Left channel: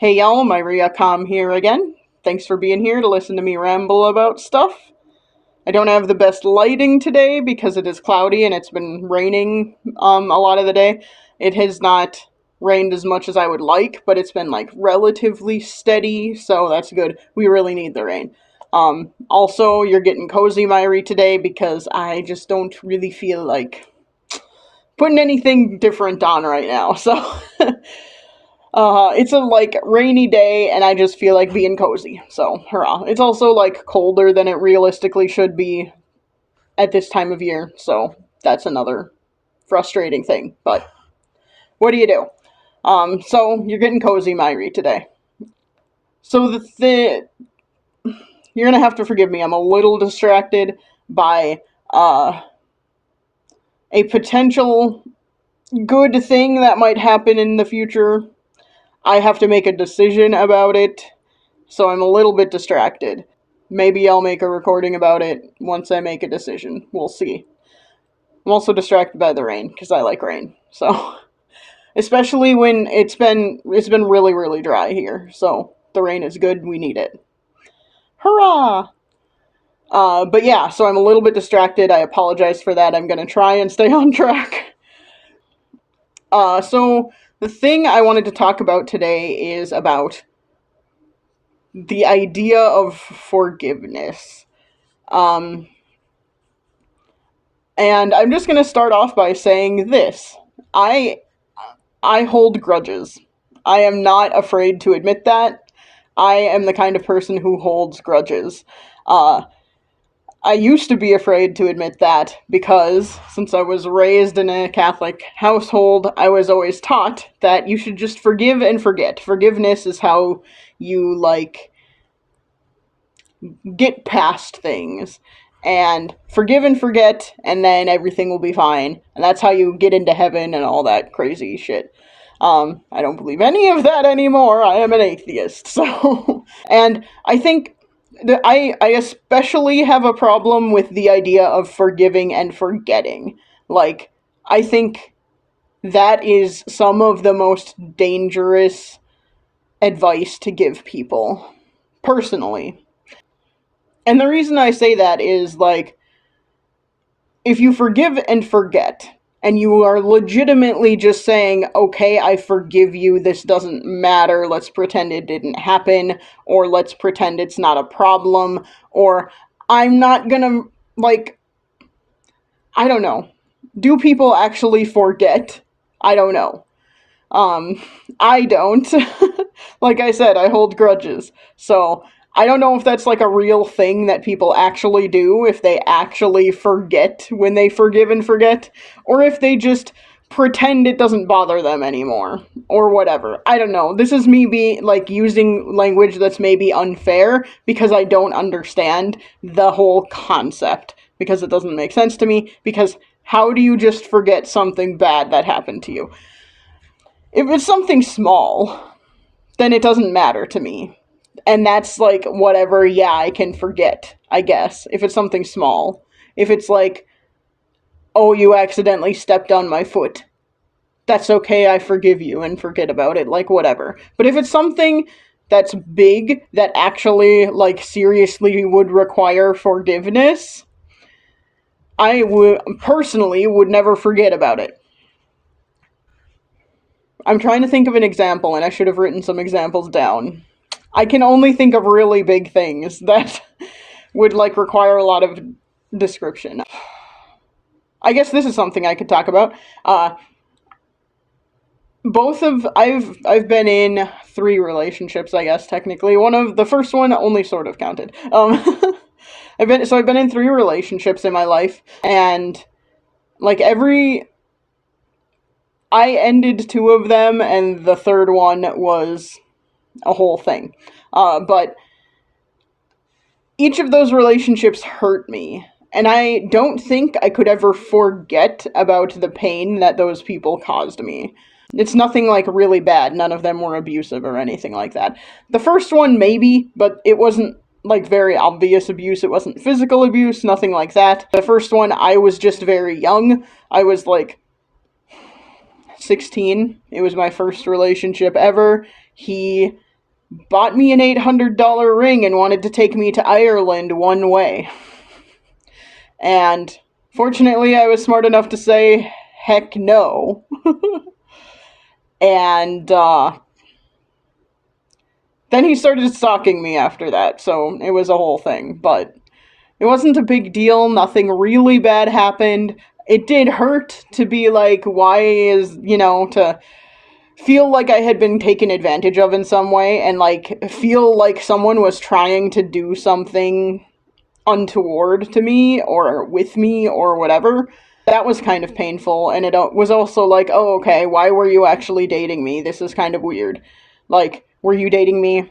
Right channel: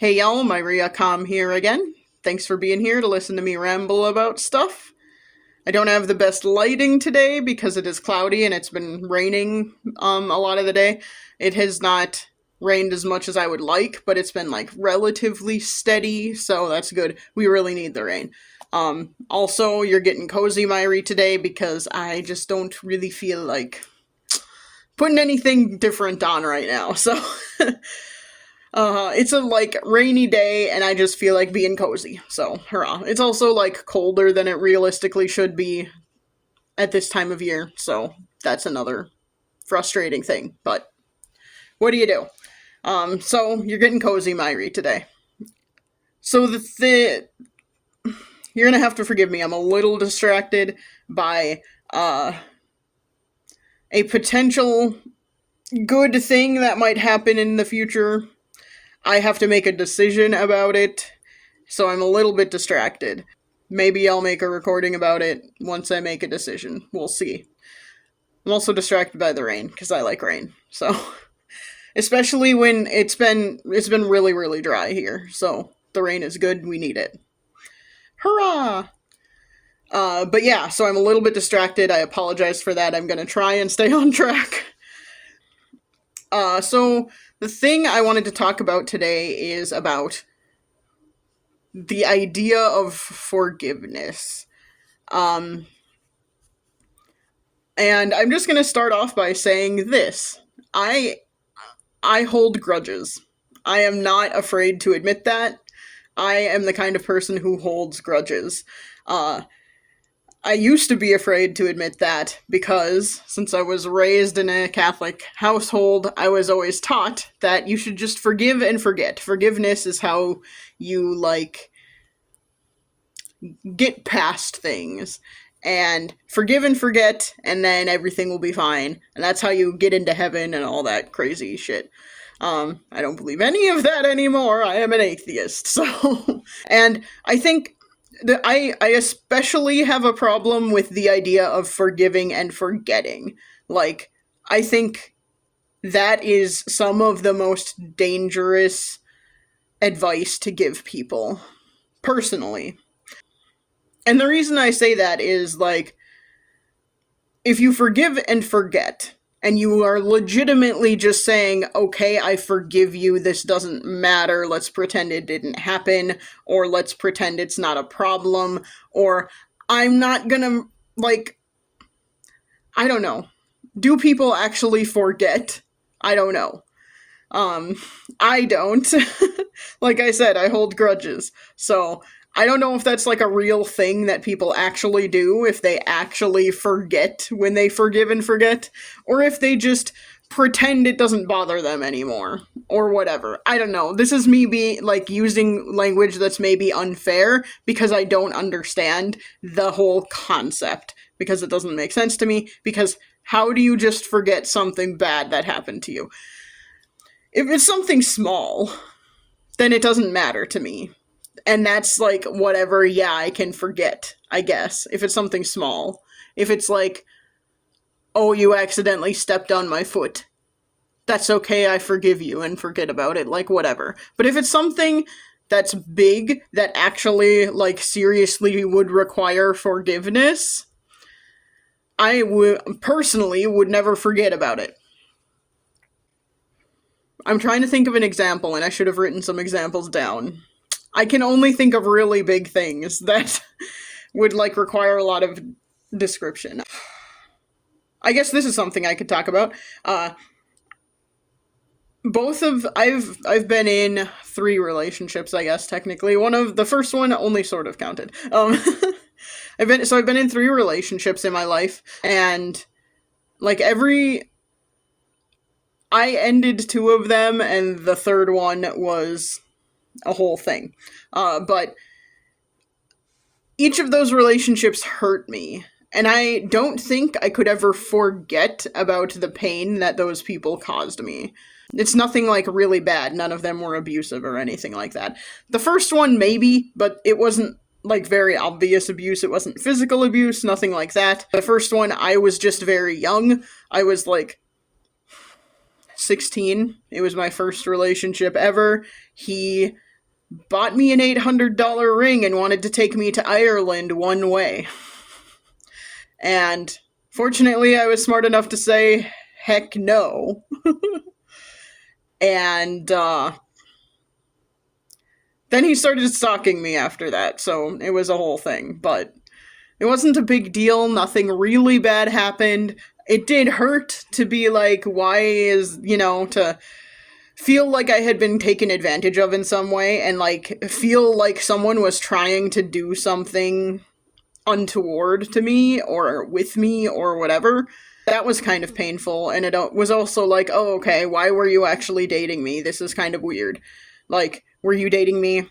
Hey y'all, Myria Com here again. Thanks for being here to listen to me ramble about stuff. I don't have the best lighting today because it is cloudy and it's been raining a lot of the day. It has not rained as much as I would like, but it's been like relatively steady, so that's good. We really need the rain. Also, you're getting cozy, Myri, today because I just don't really feel like putting anything different on right now. So it's a like rainy day and I just feel like being cozy. So, hurrah. It's also like colder than it realistically should be at this time of year. So, that's another frustrating thing. But what do you do? So you're getting cozy, Myri, today. So you're gonna have to forgive me. I'm a little distracted by a potential good thing that might happen in the future. I have to make a decision about it, so I'm a little bit distracted. Maybe I'll make a recording about it once I make a decision. We'll see. I'm also distracted by the rain because I like rain. So, especially when it's been really really dry here. So, the rain is good. We need it. Hurrah! But yeah, so I'm a little bit distracted. I apologize for that. I'm gonna try and stay on track. So the thing I wanted to talk about today is about the idea of forgiveness. Um, and I'm just gonna start off by saying this. I I hold grudges. I am not afraid to admit that. I am the kind of person who holds grudges. Uh, I used to be afraid to admit that because since I was raised in a Catholic household, I was always taught that you should just forgive and forget. Forgiveness is how you like get past things and forgive and forget and then everything will be fine. And that's how you get into heaven and all that crazy shit. I don't believe any of that anymore. I am an atheist. So, and I think I especially have a problem with the idea of forgiving and forgetting. Like, I think that is some of the most dangerous advice to give people, personally. And the reason I say that is, like, if you forgive and forget, and you are legitimately just saying, okay, I forgive you, this doesn't matter, let's pretend it didn't happen, or let's pretend it's not a problem, or I'm not gonna, like, I don't know. Do people actually forget? I don't know. Um, I don't. Like I said, I hold grudges. So, I don't know if that's like a real thing that people actually do, if they actually forget when they forgive and forget, or if they just pretend it doesn't bother them anymore, or whatever. I don't know. This is me be like using language that's maybe unfair because I don't understand the whole concept because it doesn't make sense to me because how do you just forget something bad that happened to you? If it's something small, then it doesn't matter to me. And that's like whatever, yeah, I can forget, I guess, if it's something small. If it's like, oh, you accidentally stepped on my foot, that's okay, I forgive you and forget about it, like whatever. But if it's something that's big that actually like seriously would require forgiveness, I would personally would never forget about it. I'm trying to think of an example and I should have written some examples down. I can only think of really big things that would like require a lot of description. I guess this is something I could talk about. Both of I've been in three relationships, I guess technically. One of the first one only sort of counted. I've been in three relationships in my life, and like every I ended two of them, and the third one was a whole thing. But each of those relationships hurt me. And I don't think I could ever forget about the pain that those people caused me. It's nothing like really bad. None of them were abusive or anything like that. The first one, maybe, but it wasn't like very obvious abuse. It wasn't physical abuse, nothing like that. The first one, I was just very young. I was like 16. It was my first relationship ever. He bought me an $800 ring and wanted to take me to Ireland one way. And fortunately, I was smart enough to say, heck no. And then he started stalking me after that, so it was a whole thing. But it wasn't a big deal. Nothing really bad happened. It did hurt to be like, why is, to feel like I had been taken advantage of in some way and like feel like someone was trying to do something untoward to me or with me or whatever. That was kind of painful, and it was also like, oh, okay, why were you actually dating me? This is kind of weird. Like, were you dating me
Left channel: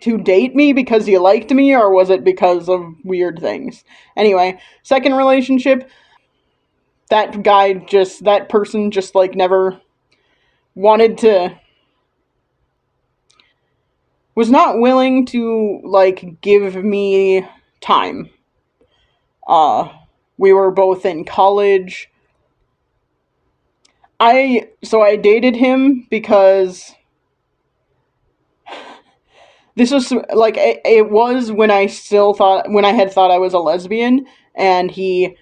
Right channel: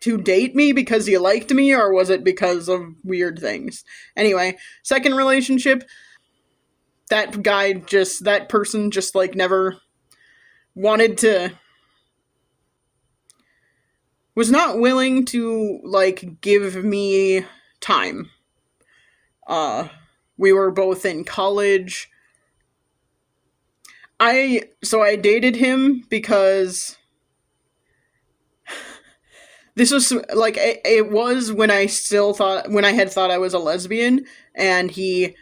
to date me because you liked me, or was it because of weird things? Anyway, second relationship, that person just like never wanted to, was not willing to like give me time. Uh, we were both in college. I dated him because this was like it was when I had thought I was a lesbian, and he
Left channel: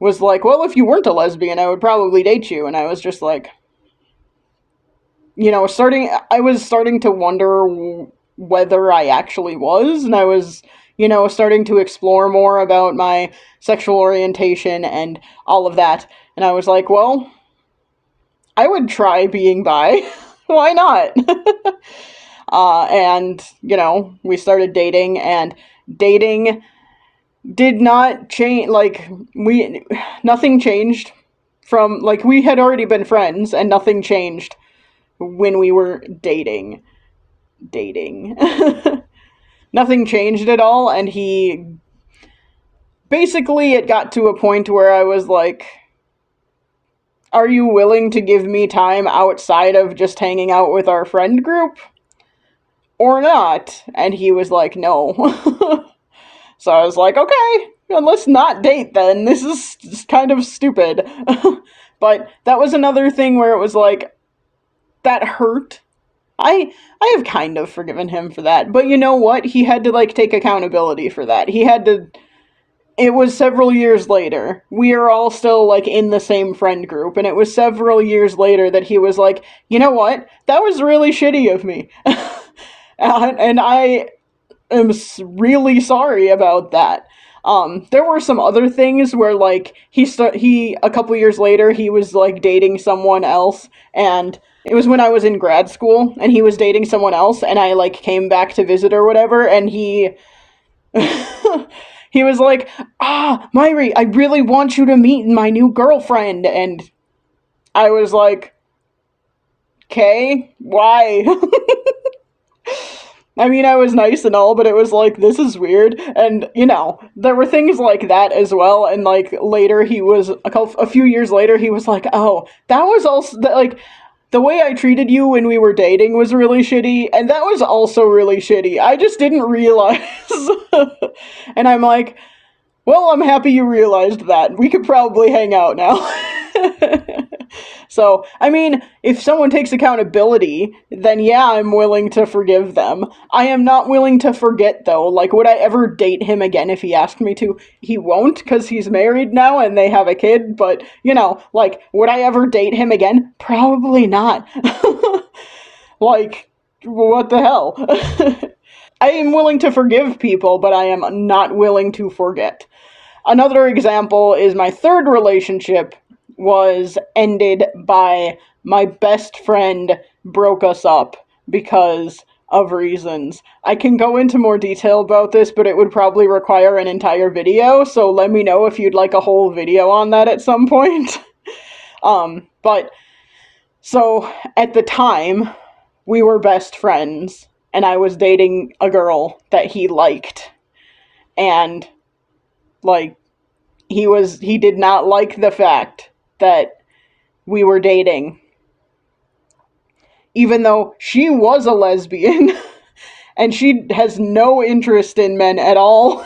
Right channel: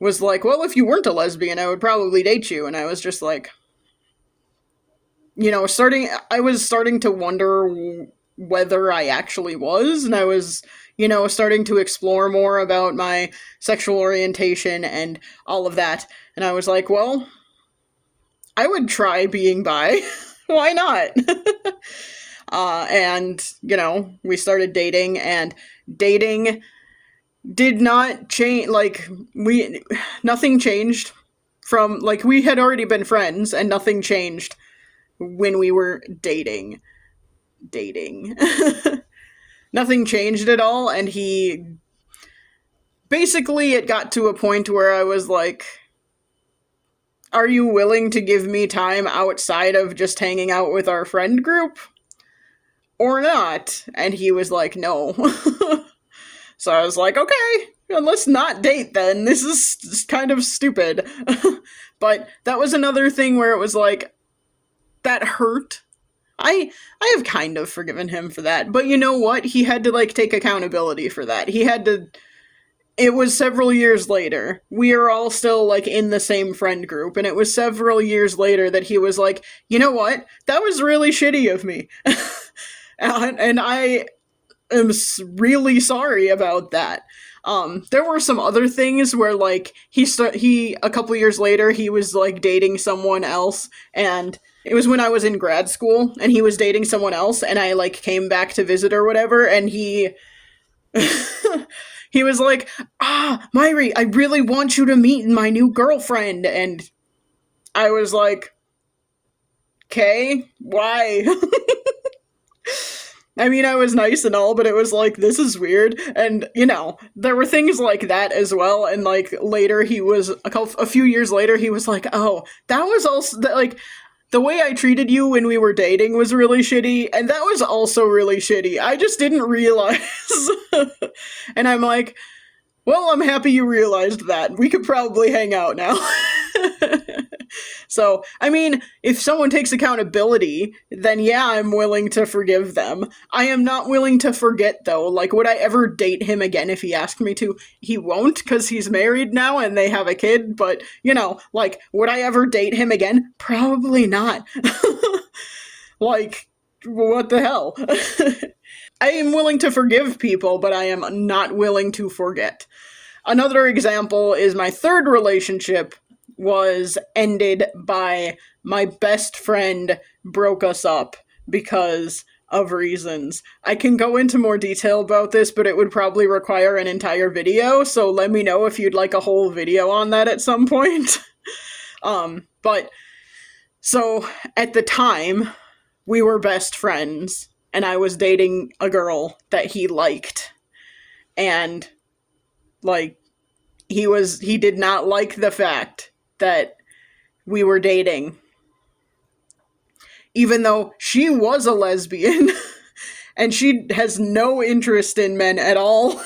was like, well, if you weren't a lesbian, I would probably date you. And I was just like, I was starting to wonder whether I actually was, and I was, starting to explore more about my sexual orientation and all of that. And I was like, well, I would try being bi. Why not? And, we started dating, and dating did not change. Like, nothing changed from, like, we had already been friends, and nothing changed when we were dating. Nothing changed at all, and basically, it got to a point where I was like, are you willing to give me time outside of just hanging out with our friend group? Or not? And he was like, no. So I was like, okay, let's not date then. This is kind of stupid. But that was another thing where it was like, that hurt. I have kind of forgiven him for that. But you know what? He had to like take accountability for that. He had to, it was several years later. We are all still like in the same friend group, and it was several years later that he was like, you know what? That was really shitty of me. And I am really sorry about that. There were some other things where like he a couple years later he was like dating someone else, and it was when I was in grad school and he was dating someone else, and I like came back to visit or whatever, and he he was like, Myri, I really want you to meet my new girlfriend. And I was like, okay, why? I mean, I was nice and all, but it was like, this is weird. And, there were things like that as well. And, like, later he was, a few years later, he was like, oh, that was also, like, the way I treated you when we were dating was really shitty, and that was also really shitty. I just didn't realize. And I'm like, well, I'm happy you realized that. We could probably hang out now. So, I mean, if someone takes accountability, then yeah, I'm willing to forgive them. I am not willing to forget, though. Like, would I ever date him again if he asked me to? He won't, because he's married now and they have a kid, but, like, would I ever date him again? Probably not. Like, what the hell? I am willing to forgive people, but I am not willing to forget. Another example is my third relationship was ended by my best friend broke us up because of reasons. I can go into more detail about this, but it would probably require an entire video, so let me know if you'd like a whole video on that at some point. But, so, at the time, we were best friends, and I was dating a girl that he liked. And, like, he did not like the fact that we were dating, even though she was a lesbian and she has no interest in men at all.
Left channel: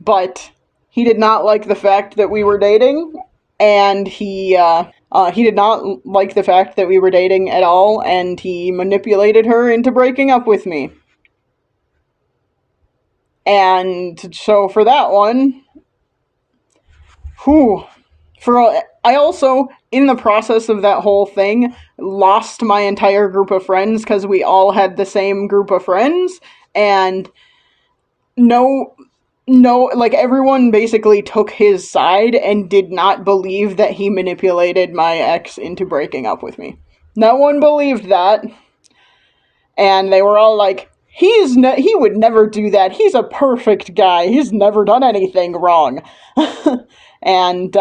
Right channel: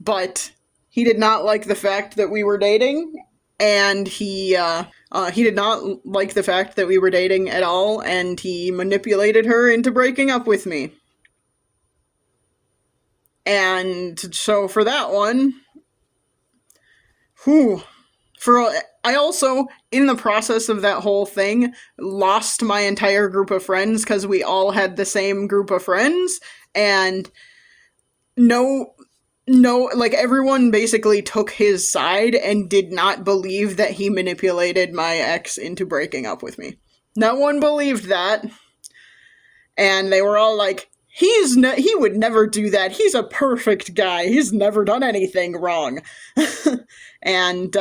But he did not like the fact that we were dating, and he did not like the fact that we were dating at all, and he manipulated her into breaking up with me. And so for that one, whew, for I also, in the process of that whole thing, lost my entire group of friends because we all had the same group of friends, and no no, like everyone basically took his side and did not believe that he manipulated my ex into breaking up with me. No one believed that, and they were all like, he would never do that. He's a perfect guy. He's never done anything wrong." And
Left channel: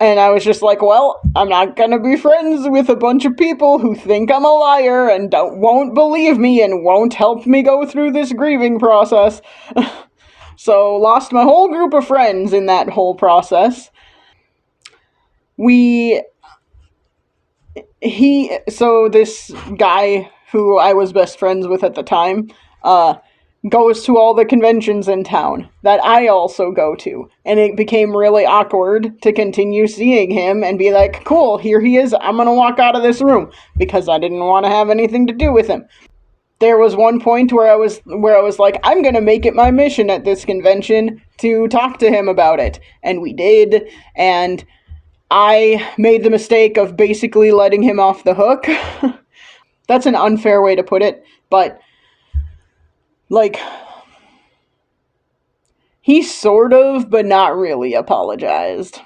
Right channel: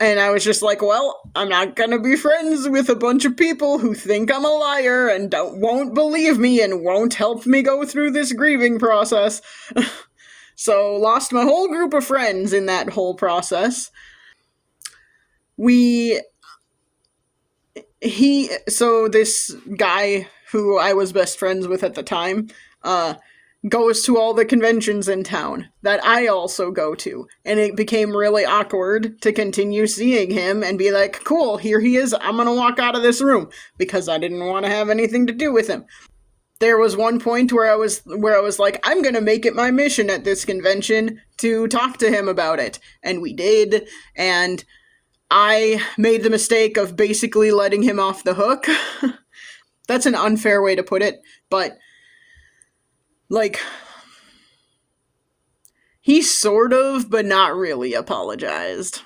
and I was just like, well, I'm not gonna be friends with a bunch of people who think I'm a liar and won't believe me and won't help me go through this grieving process. So, lost my whole group of friends in that whole process. We, so this guy who I was best friends with at the time, goes to all the conventions in town that I also go to. And it became really awkward to continue seeing him and be like, cool, here he is. I'm going to walk out of this room because I didn't want to have anything to do with him. There was one point where I was like, I'm going to make it my mission at this convention to talk to him about it. And we did. And I made the mistake of basically letting him off the hook. That's an unfair way to put it, but like, he sort of, but not really apologized.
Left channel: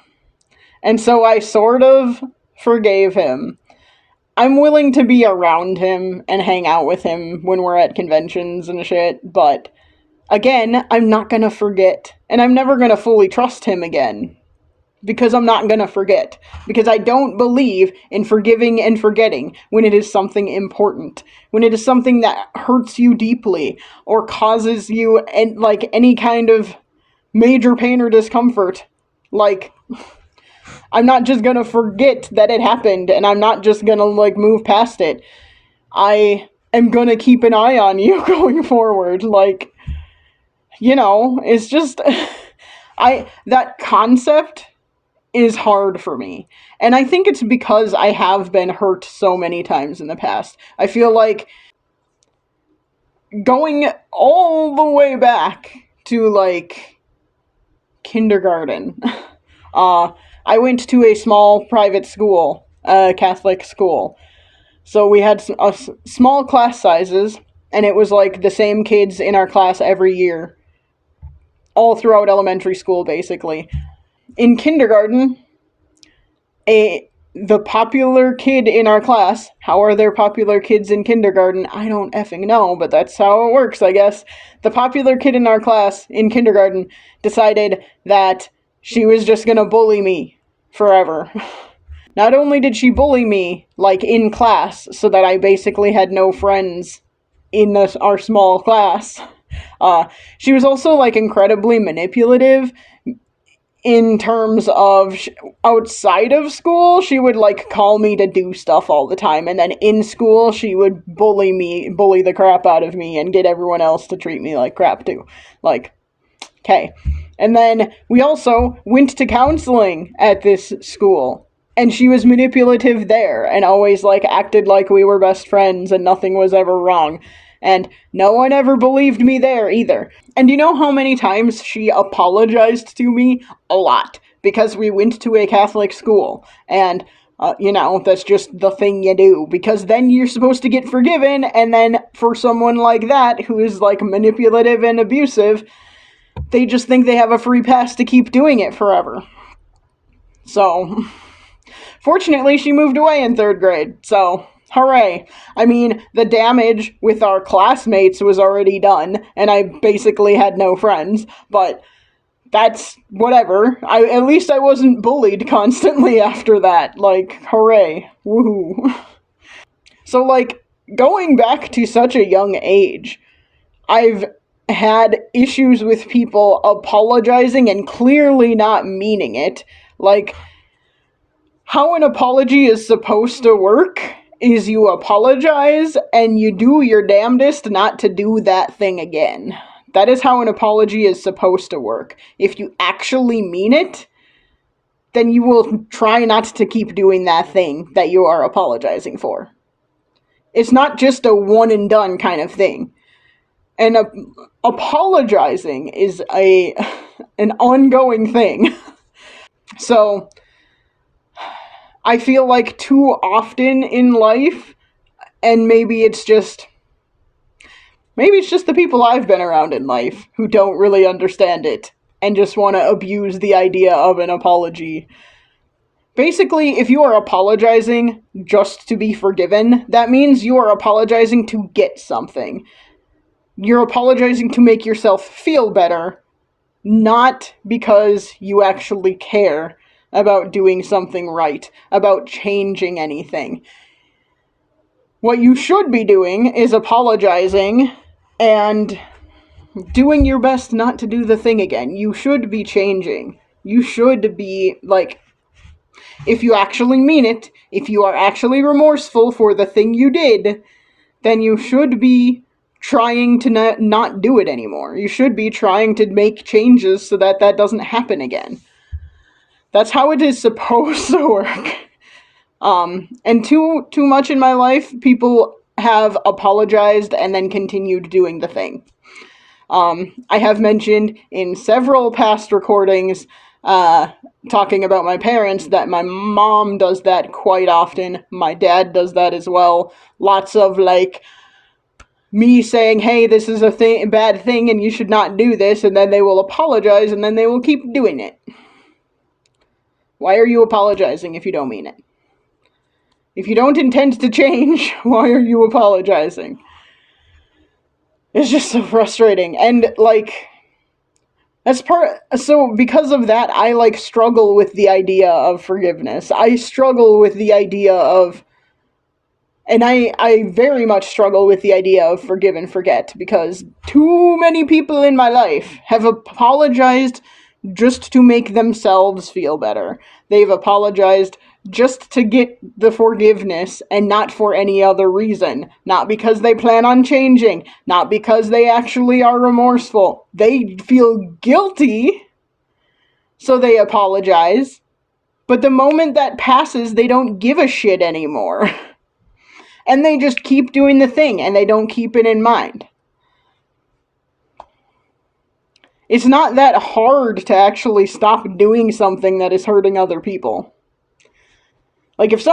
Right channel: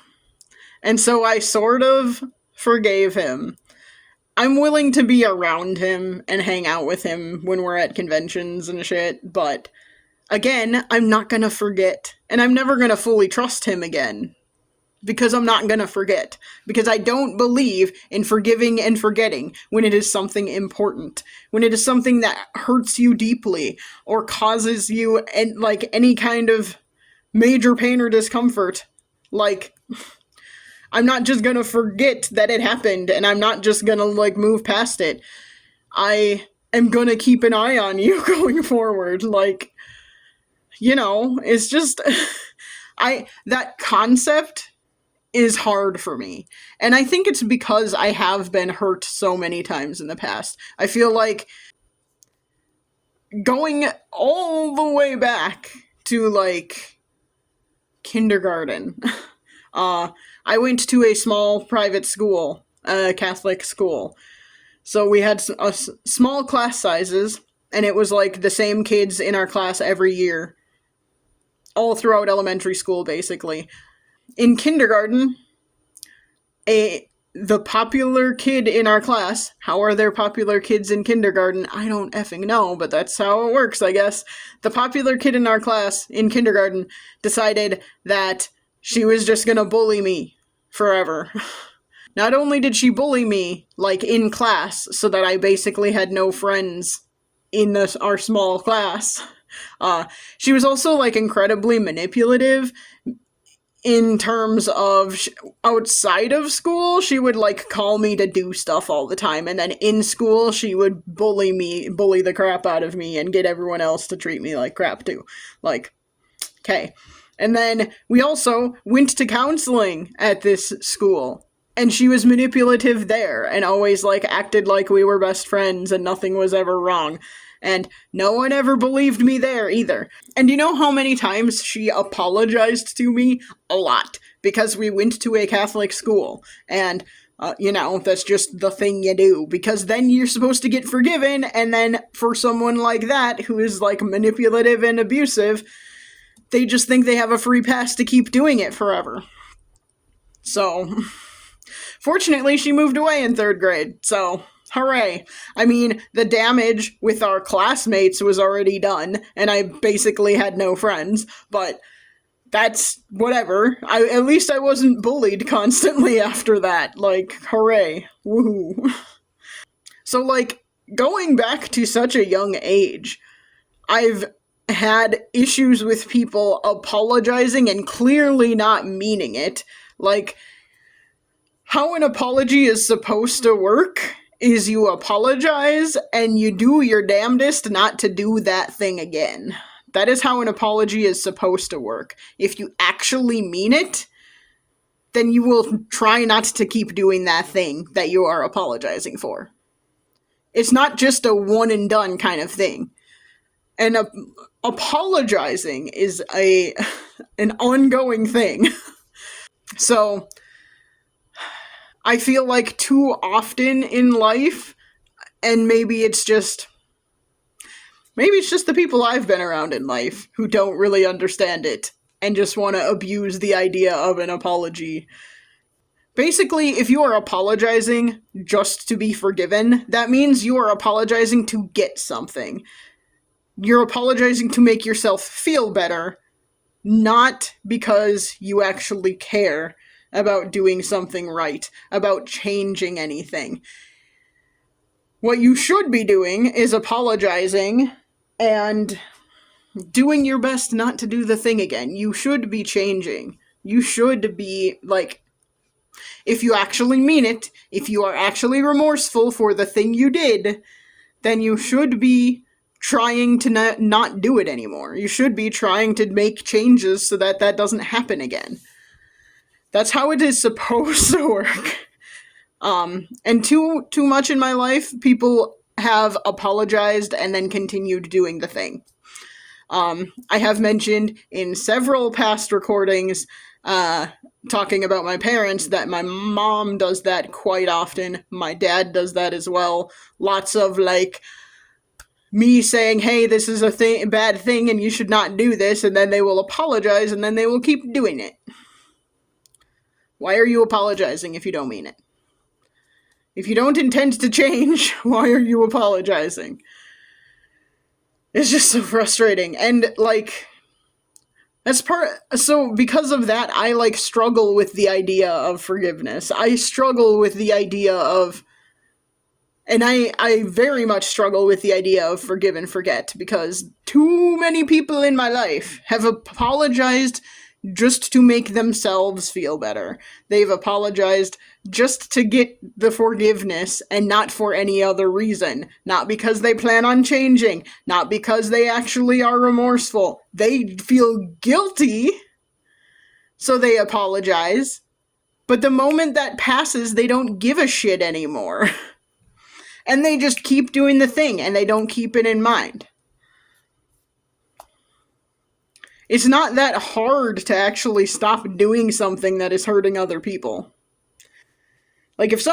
And so I sort of forgave him. I'm willing to be around him and hang out with him when we're at conventions and shit, but again, I'm not gonna forget. And I'm never gonna fully trust him again. Because I'm not gonna forget. Because I don't believe in forgiving and forgetting when it is something important. When it is something that hurts you deeply or causes you like any kind of major pain or discomfort. Like, I'm not just gonna forget that it happened and I'm not just gonna like move past it. I am gonna keep an eye on you going forward. Like, it's just that concept is hard for me. And I think it's because I have been hurt so many times in the past. I feel like going all the way back to like kindergarten. I went to a small private school, a Catholic school. So we had small class sizes, and it was like the same kids in our class every year. All throughout elementary school, basically. In kindergarten, the popular kid in our class, how are there popular kids in kindergarten? I don't effing know, but that's how it works, I guess. The popular kid in our class in kindergarten decided that she was just gonna bully me forever. Not only did she bully me, like, in class, so that I basically had no friends in our small class, she was also, like, incredibly manipulative in terms of outside of school. She would like call me to do stuff all the time, and then in school she would bully the crap out of me and get everyone else to treat me like crap too. Like, okay. And then we also went to counseling at this school, and she was manipulative there and always like acted like we were best friends and nothing was ever wrong. And no one ever believed me there either. And you know how many times she apologized to me? A lot. Because we went to a Catholic school. And, that's just the thing you do. Because then you're supposed to get forgiven, and then for someone like that, who is, like, manipulative and abusive, they just think they have a free pass to keep doing it forever. So, fortunately, she moved away in 3rd grade, so hooray. I mean, the damage with our classmates was already done, and I basically had no friends, but that's whatever. At least I wasn't bullied constantly after that. Like, hooray. Woohoo. So, like, going back to such a young age, I've had issues with people apologizing and clearly not meaning it. Like, how an apology is supposed to work is you apologize and you do your damnedest not to do that thing again. That is how an apology is supposed to work. If you actually mean it, then you will try not to keep doing that thing that you are apologizing for. It's not just a one and done kind of thing. And apologizing is a an ongoing thing. So I feel like too often in life, and maybe it's just the people I've been around in life who don't really understand it and just want to abuse the idea of an apology. Basically, if you are apologizing just to be forgiven, that means you are apologizing to get something. You're apologizing to make yourself feel better, not because you actually care about doing something right, about changing anything. What you should be doing is apologizing and doing your best not to do the thing again. You should be changing. You should be, like, if you actually mean it, if you are actually remorseful for the thing you did, then you should be trying to not do it anymore. You should be trying to make changes so that that doesn't happen again. That's how it is supposed to work. And too much in my life, people have apologized and then continued doing the thing. I have mentioned in several past recordings, talking about my parents, that my mom does that quite often. My dad does that as well. Lots of, like, me saying, hey, this is a bad thing and you should not do this, and then they will apologize and then they will keep doing it. Why are you apologizing if you don't mean it? If you don't intend to change, why are you apologizing? It's just so frustrating. And, like, so because of that, I, like, struggle with the idea of forgiveness. I struggle with the idea of, and I very much struggle with the idea of forgive and forget, because too many people in my life have apologized just to make themselves feel better. They've apologized just to get the forgiveness and not for any other reason. Not because they plan on changing, not because they actually are remorseful. They feel guilty, so they apologize. But the moment that passes, they don't give a shit anymore. And they just keep doing the thing, and they don't keep it in mind. It's not that hard to actually stop doing something that is hurting other people. Like, it's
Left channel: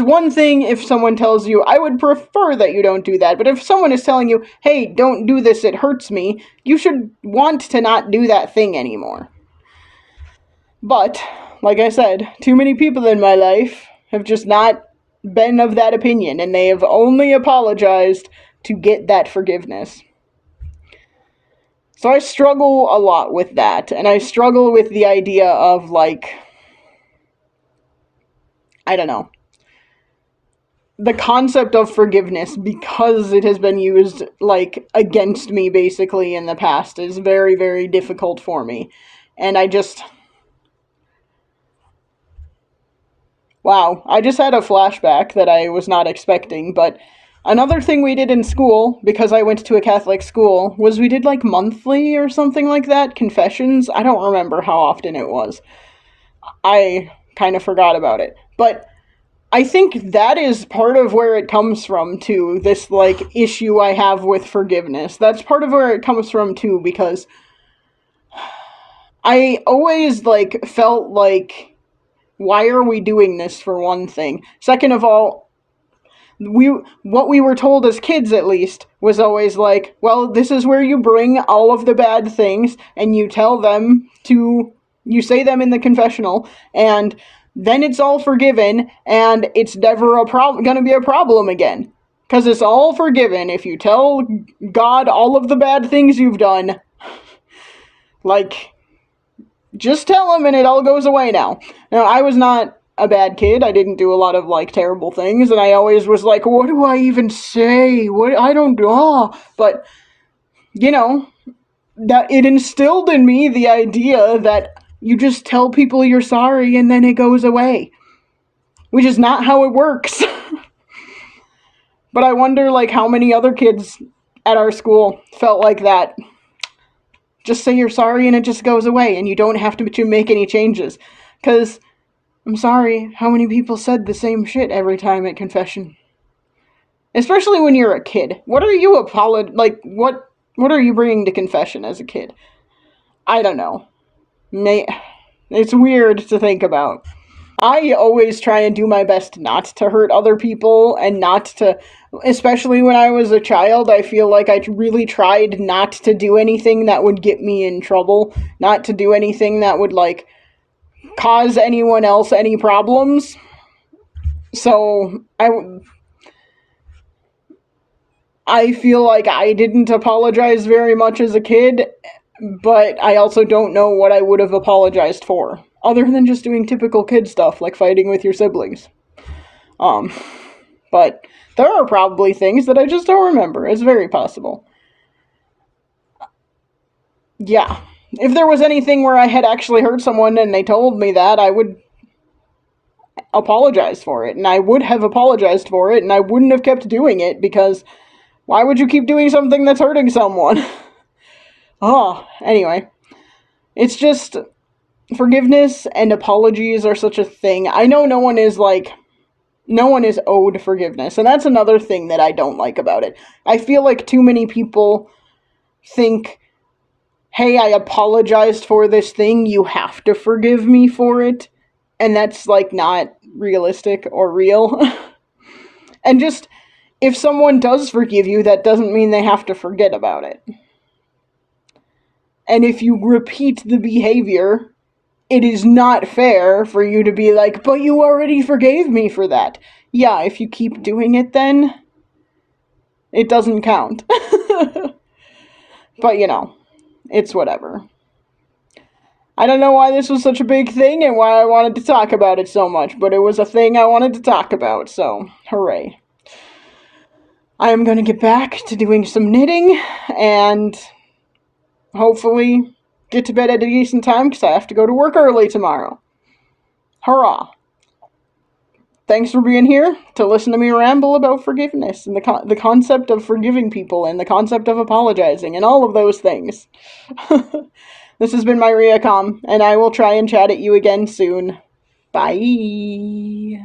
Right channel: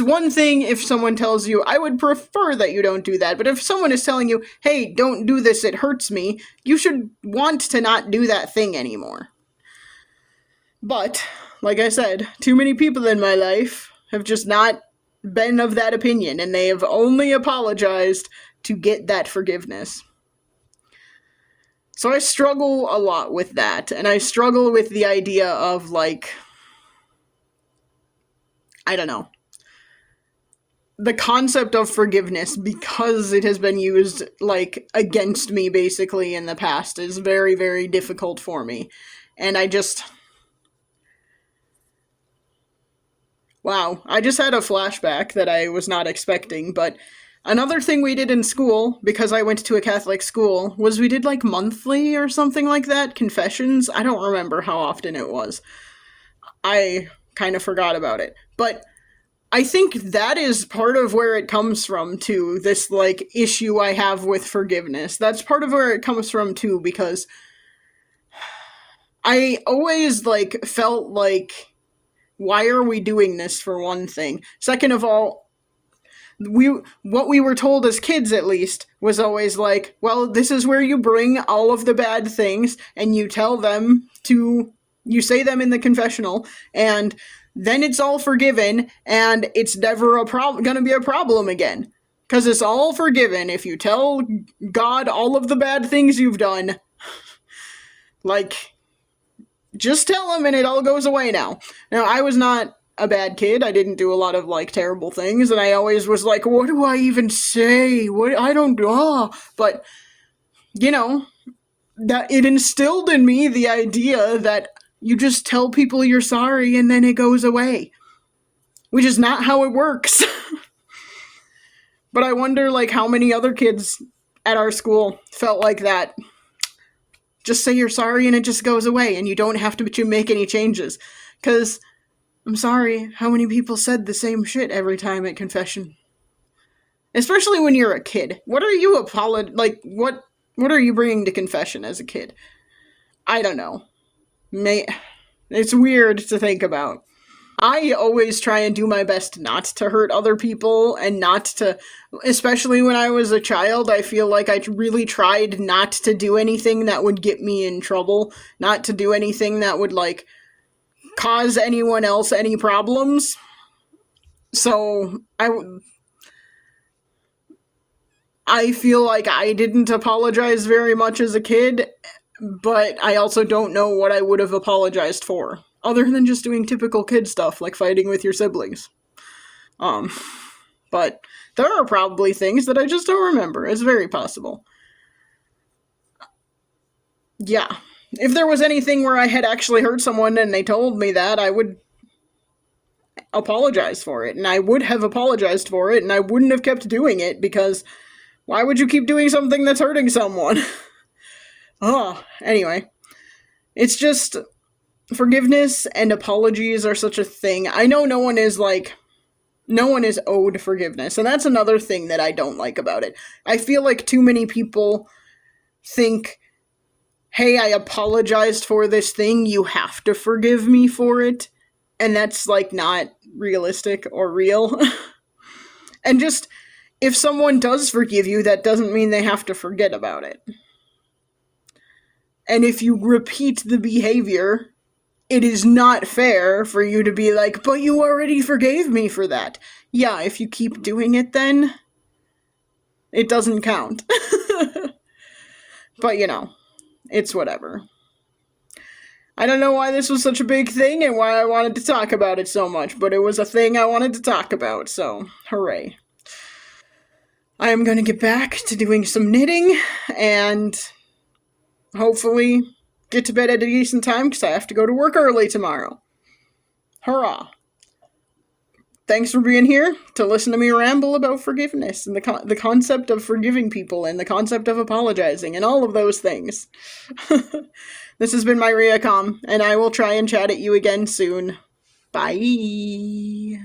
one thing if someone tells you, I would prefer that you don't do that, but if someone is telling you, hey, don't do this, it hurts me, you should want to not do that thing anymore. But, like I said, too many people in my life have just not been of that opinion, and they have only apologized to get that forgiveness. So I struggle a lot with that, and I struggle with the idea of, like, I don't know, the concept of forgiveness, because it has been used, like, against me basically in the past, is very, very difficult for me. And wow, I just had a flashback that I was not expecting, but another thing we did in school, because I went to a Catholic school, was we did, like, monthly or something like that, confessions. I don't remember how often it was. I kind of forgot about it. But I think that is part of where it comes from, too, this, like, issue I have with forgiveness. That's part of where it comes from, too, because I always, like, felt like, why are we doing this, for one thing? Second of all, what we were told as kids, at least, was always like, well, this is where you bring all of the bad things and you you say them in the confessional, and then it's all forgiven, and it's never gonna be a problem again. Because it's all forgiven if you tell God all of the bad things you've done. Like, just tell him and it all goes away now. Now, I was not a bad kid. I didn't do a lot of, like, terrible things, and I always was like, what do I even say? I don't know. But, you know, that it instilled in me the idea that you just tell people you're sorry and then it goes away. Which is not how it works. But I wonder, like, how many other kids at our school felt like that Just say you're sorry and it just goes away and you don't have to make any changes. Because, I'm sorry, how many people said the same shit every time at confession? Especially when you're a kid. What are you what are you bringing to confession as a kid? I don't know. It's weird to think about. I always try and do my best not to hurt other people and not to, especially when I was a child, I feel like I really tried not to do anything that would get me in trouble, not to do anything that would, like, cause anyone else any problems. So, I feel like I didn't apologize very much as a kid, but I also don't know what I would have apologized for, other than just doing typical kid stuff like fighting with your siblings. Um, but there are probably things that I just don't remember. It's very possible. Yeah. If there was anything where I had actually hurt someone and they told me that, I would apologize for it. And I would have apologized for it, and I wouldn't have kept doing it because why would you keep doing something that's hurting someone? Anyway. It's just forgiveness and apologies are such a thing. I know no one is owed forgiveness, and that's another thing that I don't like about it. I feel like too many people think, hey, I apologized for this thing, you have to forgive me for it, and that's, like, not realistic or real. And just, if someone does forgive you, that doesn't mean they have to forget about it. And if you repeat the behavior, it is not fair for you to be like, but you already forgave me for that. Yeah, if you keep doing it then, it doesn't count. But, it's whatever. I don't know why this was such a big thing and why I wanted to talk about it so much, but it was a thing I wanted to talk about, so hooray. I am going to get back to doing some knitting and hopefully get to bed at a decent time because I have to go to work early tomorrow. Hurrah! Thanks for being here to listen to me ramble about forgiveness and the concept of forgiving people and the concept of apologizing and all of those things. This has been my Riacom, and I will try and chat at you again soon. Bye!